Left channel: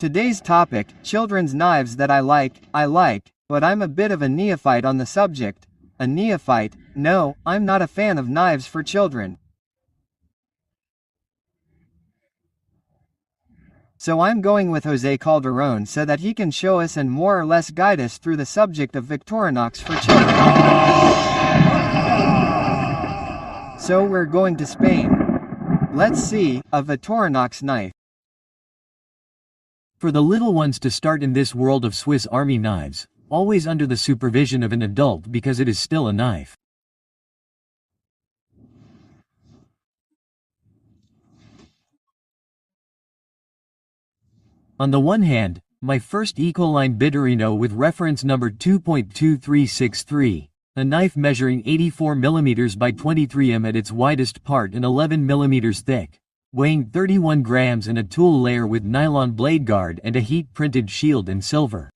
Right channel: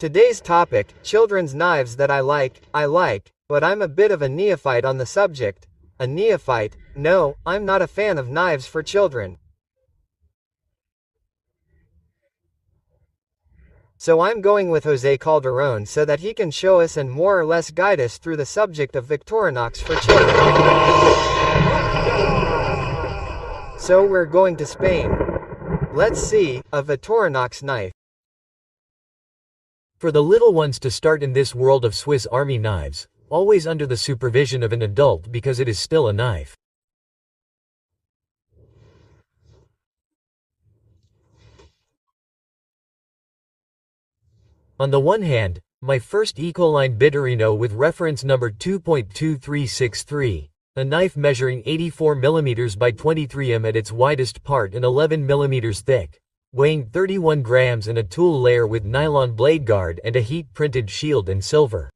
Today's topic, children's knives that I like, but I'm a bit of a neophyte on the subject. A neophyte? No, I'm not a fan of knives for children. So I'm going with Jose Calderon so that he can show us and more or less guide us through the subject of Victorinox for children. So we're going to Spain. Let's see, a Victorinox knife. For the little ones to start in this world of Swiss Army knives, always under the supervision of an adult because it is still a knife. On the one hand, my first Ecoline Victorino with reference number 2.2363, a knife measuring 84 mm by 23 mm at its widest part and 11 mm thick, weighing 31 grams and a tool layer with nylon blade guard and a heat-printed shield in silver.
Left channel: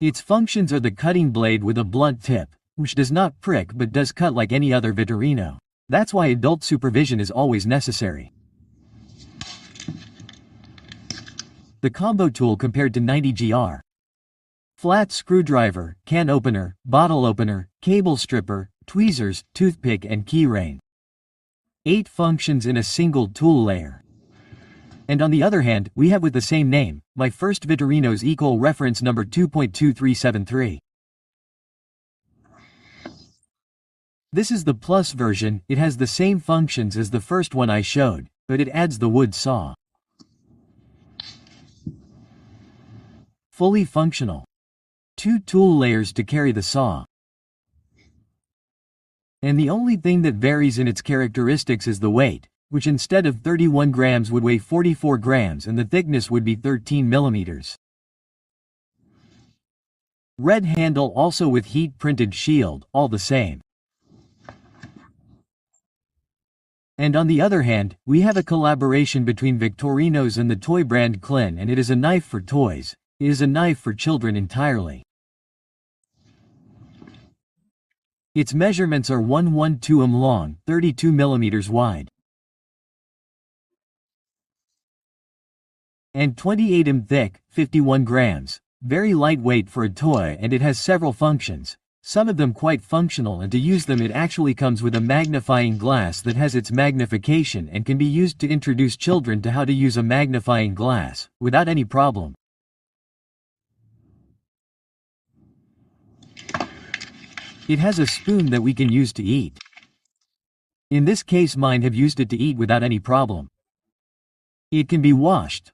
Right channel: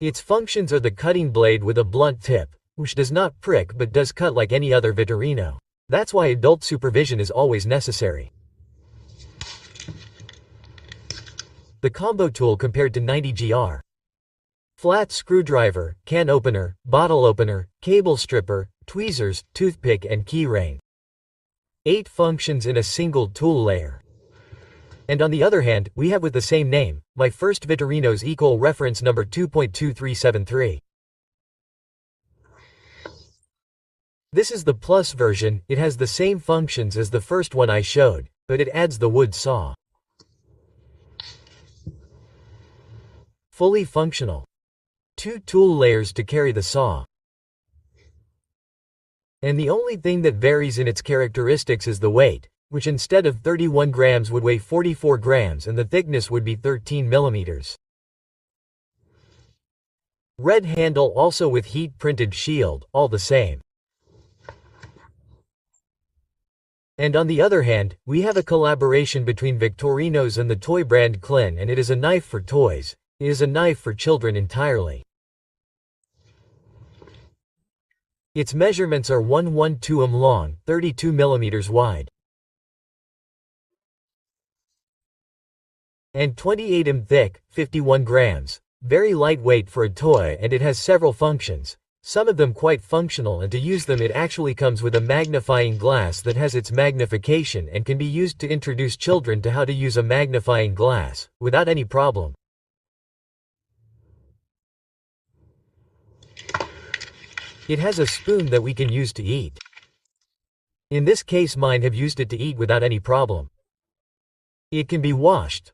Its functions are the cutting blade with a blunt tip, which does not prick but does cut like any other Victorino. That's why adult supervision is always necessary. The combo tool compared to 90gr. Flat screwdriver, can opener, bottle opener, cable stripper, tweezers, toothpick and key ring. 8 functions in a single tool layer. And on the other hand, we have with the same name, my first Victorino's Equal reference number 2.2373. This is the plus version. It has the same functions as the first one I showed, but it adds the wood saw. Fully functional. 2 tool layers to carry the saw. And the only thing that varies in its characteristics is the weight, which instead of 31 grams would weigh 44 grams and the thickness would be 13 millimeters. Red handle also with heat-printed shield, all the same. And on the other hand, we have a collaboration between Victorino's and the toy brand Klein, and it is a knife for toys. It is a knife for children entirely. Its measurements are 112 mm long, 32 mm wide, and 28 mm thick, 51 grams. Very lightweight for a toy, and it has several functions. Some of them quite functional, and to use them it actually comes with a magnifying glass that has its magnification and can be used to introduce children to how to use a magnifying glass, without any problem. It has a spoon that we can use to eat. In this case mine have used it to eat without any problem. It can be washed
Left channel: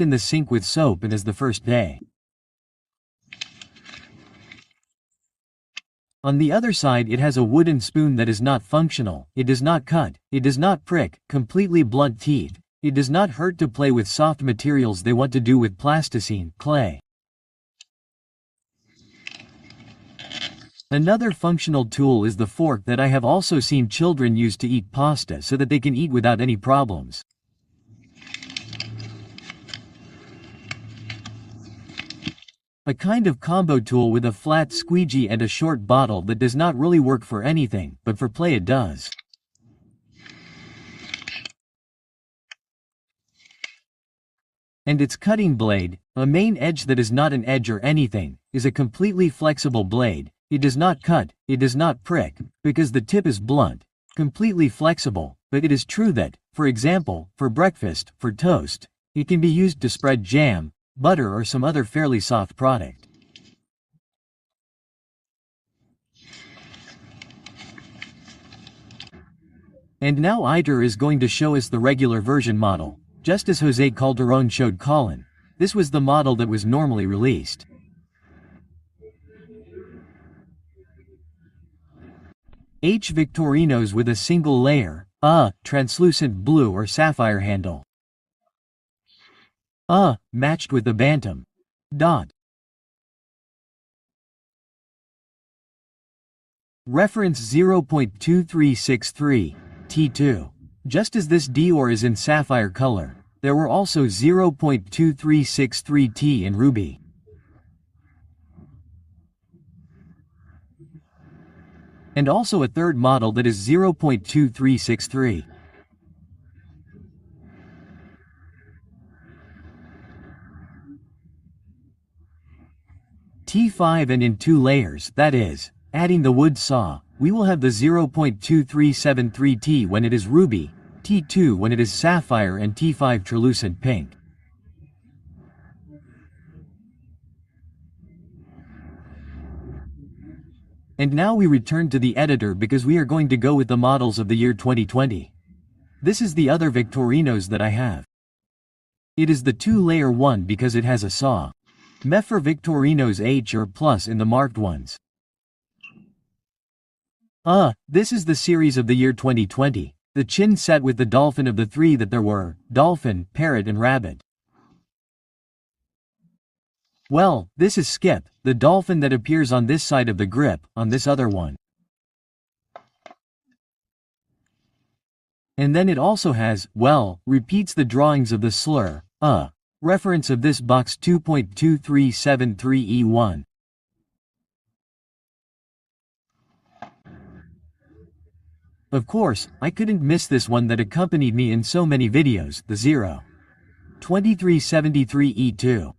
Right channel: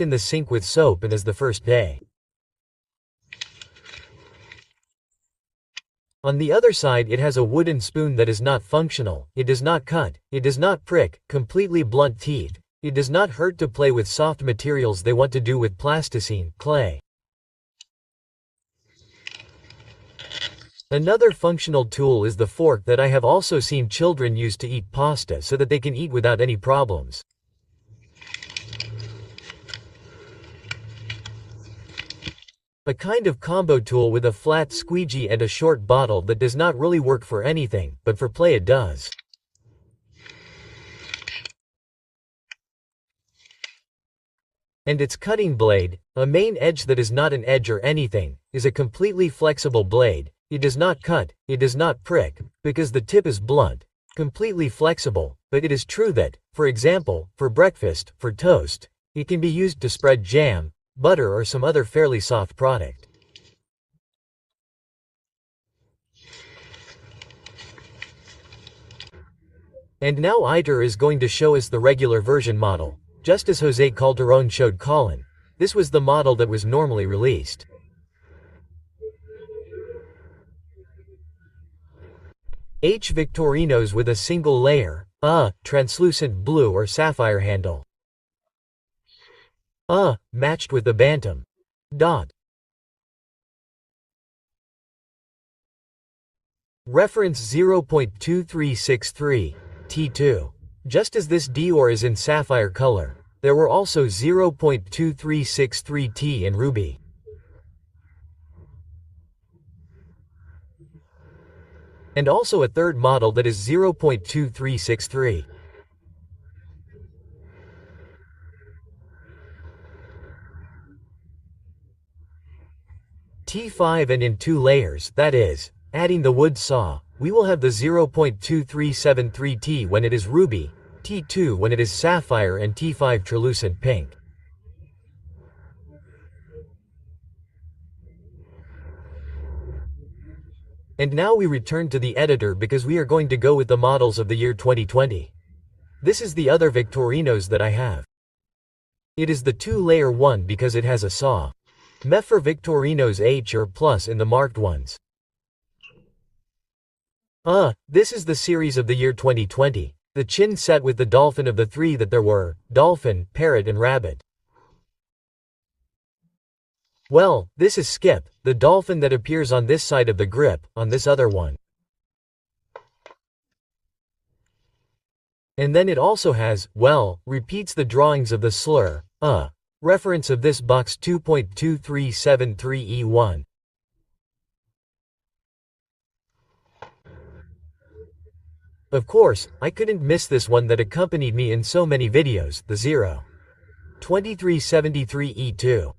in the sink with soap and as the first day. On the other side it has a wooden spoon that is not functional. It does not cut, it does not prick, completely blunt teeth. It does not hurt to play with soft materials they want to do with plasticine, clay. Another functional tool is the fork that I have also seen children use to eat pasta so that they can eat without any problems. A kind of combo tool with a flat squeegee and a short bottle that does not really work for anything, but for play it does. And its cutting blade, a main edge that is not an edge or anything, is a completely flexible blade. It does not cut, it does not prick, because the tip is blunt, completely flexible, but it is true that, for example, for breakfast, for toast, it can be used to spread jam, butter or some other fairly soft product. And now Iter is going to show us the regular version model, just as Jose Calderon showed Colin. This was the model that was normally released. H Victorino's with a single layer, translucent blue or sapphire handle. Matched with the Bantam. Reference 0.2363, T2. Just as this Dior is in sapphire color, there were also 0.2363 T in ruby. And also a third model that is 0.2363. T5 and in 2 layers, that is, adding the wood saw, we will have the 0.2373T when it is ruby, T2 when it is sapphire and T5 translucent pink. And now we return to the editor because we are going to go with the models of the year 2020. This is the other Victorinos that I have. It is the 2-layer one because it has a saw. First Victorinox H or plus in the marked ones. This is the series of the year 2020, the chin set with the dolphin of the 3 that there were, dolphin, parrot and rabbit. Well, this is Skip, the dolphin that appears on this side of the grip, on this other one. And then it also has, well, repeats the drawings of the slur, reference of this box 2.2373E1. Of course, I couldn't miss this one that accompanied me in so many videos, the 0.2373E2.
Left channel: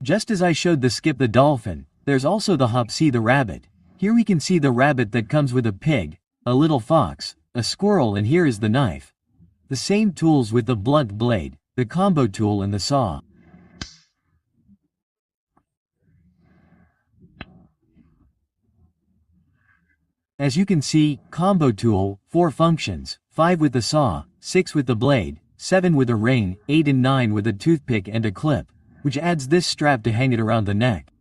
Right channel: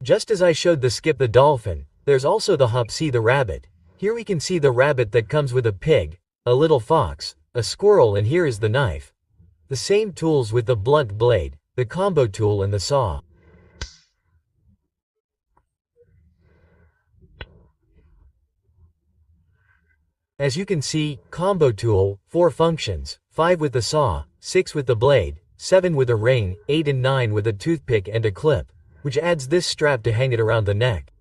Just as I showed the Skip the dolphin, there's also the Hopsi the rabbit. Here we can see the rabbit that comes with a pig, a little fox, a squirrel, and here is the knife. The same tools with the blunt blade, the combo tool and the saw. As you can see, combo tool, 4 functions, 5 with the saw, 6 with the blade, 7 with a ring, 8 and 9 with a toothpick and a clip, which adds this strap to hang it around the neck.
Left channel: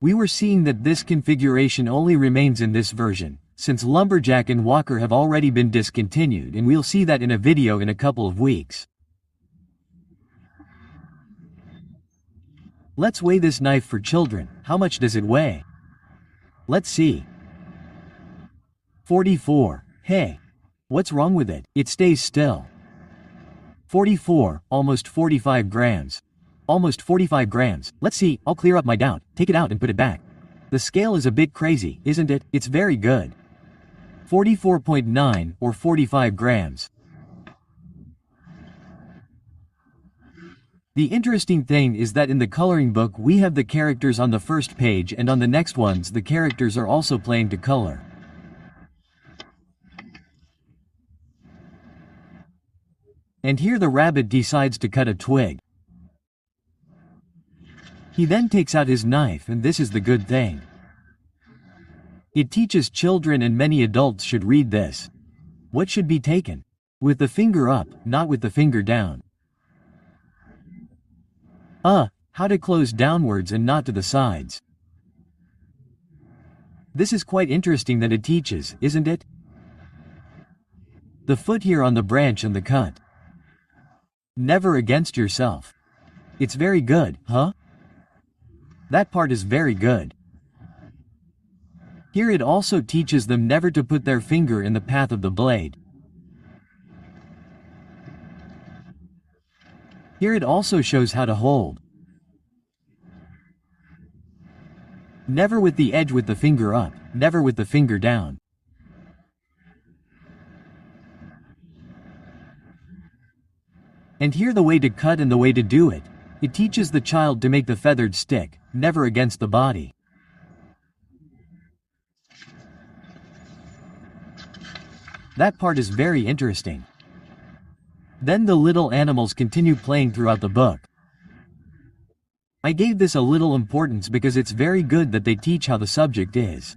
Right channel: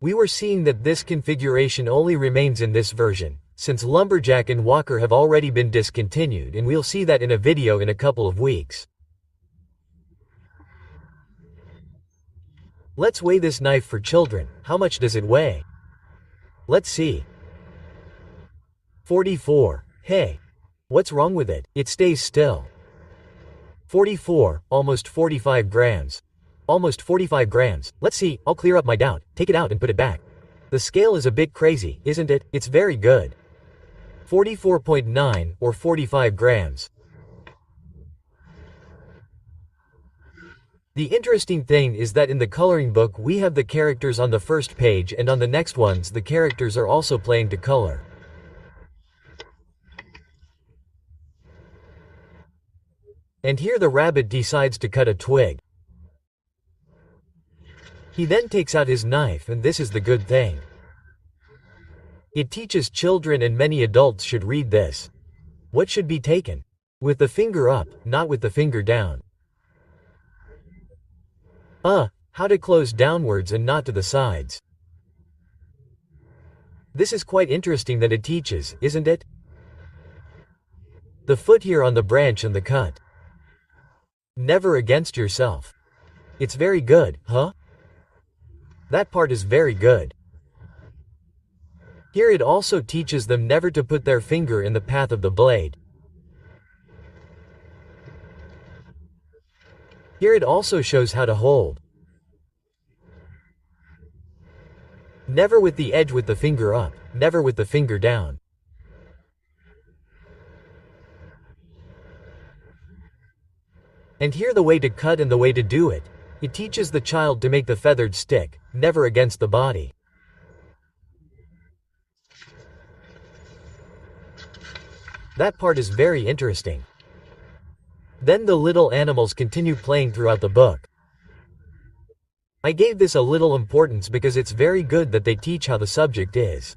We were seeing that this configuration only remains in this version, since Lumberjack and Walker have already been discontinued, and we'll see that in a video in a couple of weeks. Let's weigh this knife for children. How much does it weigh? Let's see. 44. Hey. What's wrong with it? It stays still. 44, almost 45 grams. Almost 45 grams. Let's see, I'll clear up my doubt, take it out and put it back. The scale is a bit crazy, isn't it? It's very good. 44.9 or 45 grams. The interesting thing is that in the coloring book we have the characters on the first page, and on the next ones the characters are also playing to color. And here the rabbit decides to cut a twig. He then takes out his knife, and this is the good thing. It teaches children, and many adults should read this. What should be taken? With the finger up, not with the finger down. How to close downwards and not to the sides. This is quite interesting that it teaches, isn't it? The foot here on the branch and the cut. Never against yourself. It's very good, huh? That part is very good. Here it also teaches them never to put their finger in the path of the blade. Here it also shows how to hold. Never with the edge with the finger up, never with the finger down. And here the way to cut and the way to do it. It teaches the child to make the feathered stick, never against the body. That part is very interesting. Then the little animals continue playing throughout the book. I gave this a little importance because it's very good that they teach how the subject is.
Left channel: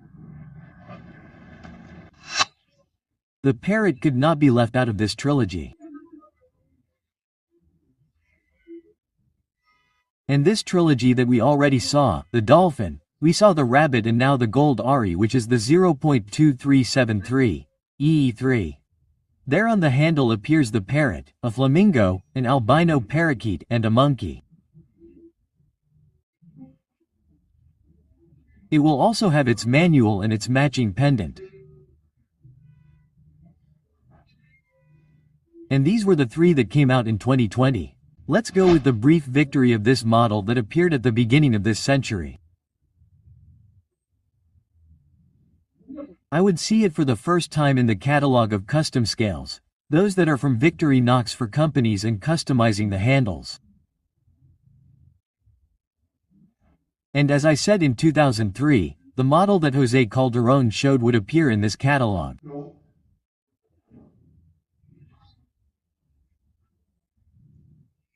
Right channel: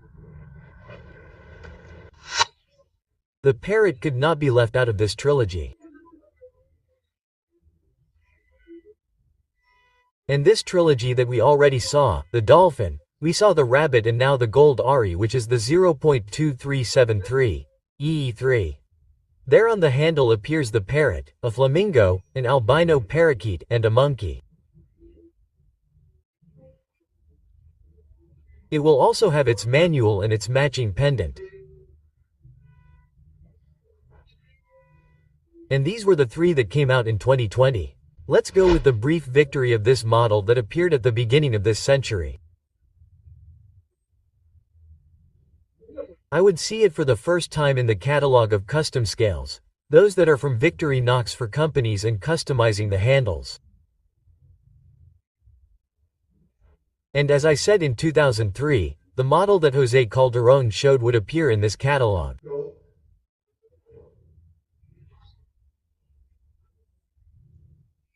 The parrot could not be left out of this trilogy. And this trilogy that we already saw, the dolphin, we saw the rabbit, and now the gold Ari, which is the 0.2373, EE3. There on the handle appears the parrot, a flamingo, an albino parakeet, and a monkey. It will also have its manual and its matching pendant. And these were the 3 that came out in 2020. Let's go with the brief victory of this model that appeared at the beginning of this century. I would see it for the first time in the catalog of custom scales, those that are from Victorinox for companies and customizing the handles. And as I said in 2003, the model that Jose Calderon showed would appear in this catalog.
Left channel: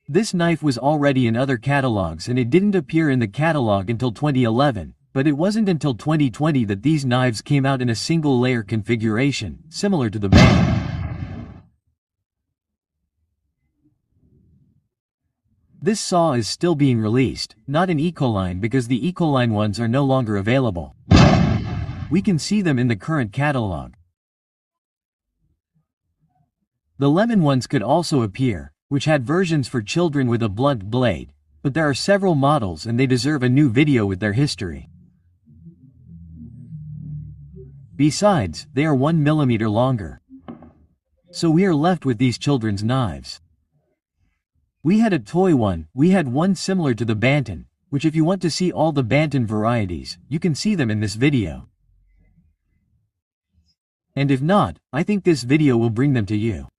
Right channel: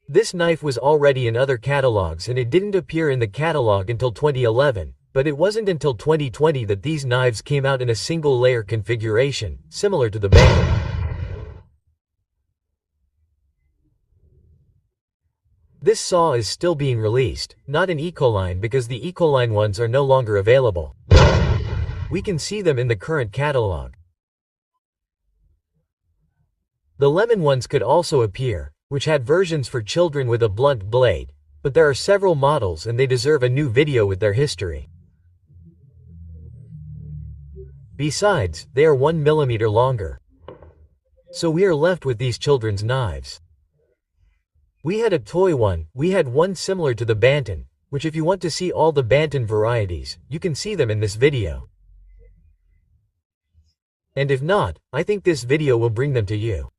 This knife was already in other catalogs and it didn't appear in the catalog until 2011, but it wasn't until 2020 that these knives came out in a single layer configuration, similar to the band. This saw is still being released, not in Ecoline because the Ecoline ones are no longer available. We can see them in the current catalog. The lemon ones could also appear, which had versions for children with a blunt blade, but there are several models and they deserve a new video with their history. Besides, they are 1 mm longer. So we are left with these children's knives. We had a toy one, we had one similar to the Banton, which if you want to see all the Banton varieties, you can see them in this video. And if not, I think this video will bring them to you.